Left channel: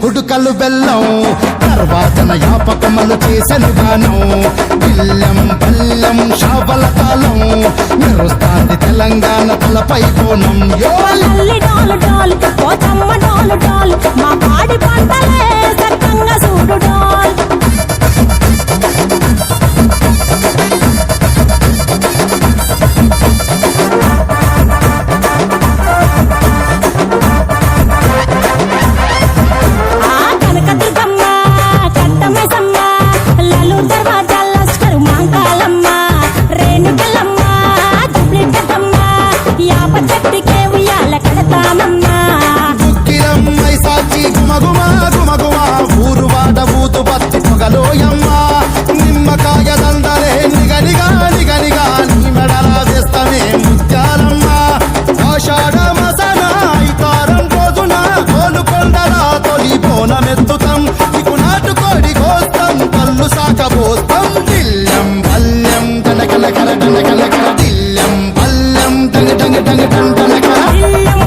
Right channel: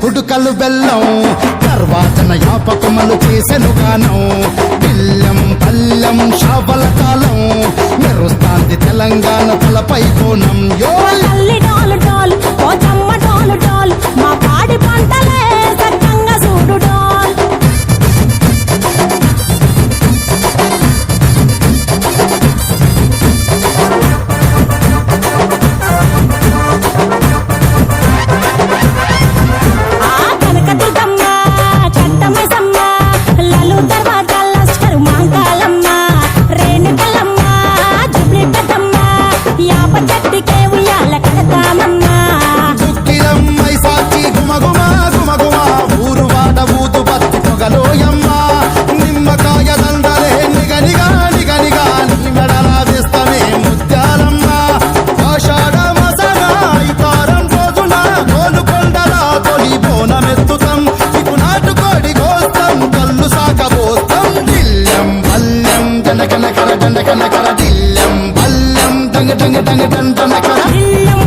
కుడుకలు బెల్లం గర్వాజన యాపకమలు చేసెను గానం బిల్లం పల్లెం షావల తాళం మెరుస్తాంది తెలంగాణ తలపై కోణం యో తల్లి డోలు డోల్ పోచమ్మ డోలు డోల్ మా పాడి పంటలే సక్కంగా చూడు డోల్ కనకదుర్గమ్మ కట్టమైసమ్మ లలు దర్వాజా లష్కరు మాంకాలమ్మ రేణుకలమ్మ జుబ్లి పెద్దమ్మ యాప చెట్టుకే ఉయ్యాల కడతామమ్మ దుక్కిలమ్మై సాచి గుమగుమ గుమగుమ ఊరువాడ ఊదు బత్తి పొగలోయమ్మ నిమ్మకాయ దండలే నిగనిగా నిగనిగా నీ మెడలా వేస్తమే ముత్యాలమ్మ ఆషాఢ మసన ఇతారం రోజున గోలుకొండల తొలి బోనమెత్తుతాం ఇకు నాటుకోడి కోస్తాం కళ్ళు సాకబోస్తాం దిల్లం పల్లెం దండకనకర దండకనకర దిల్లం పల్లెం డంగ డంగ డంగ డండనకర దిల్లం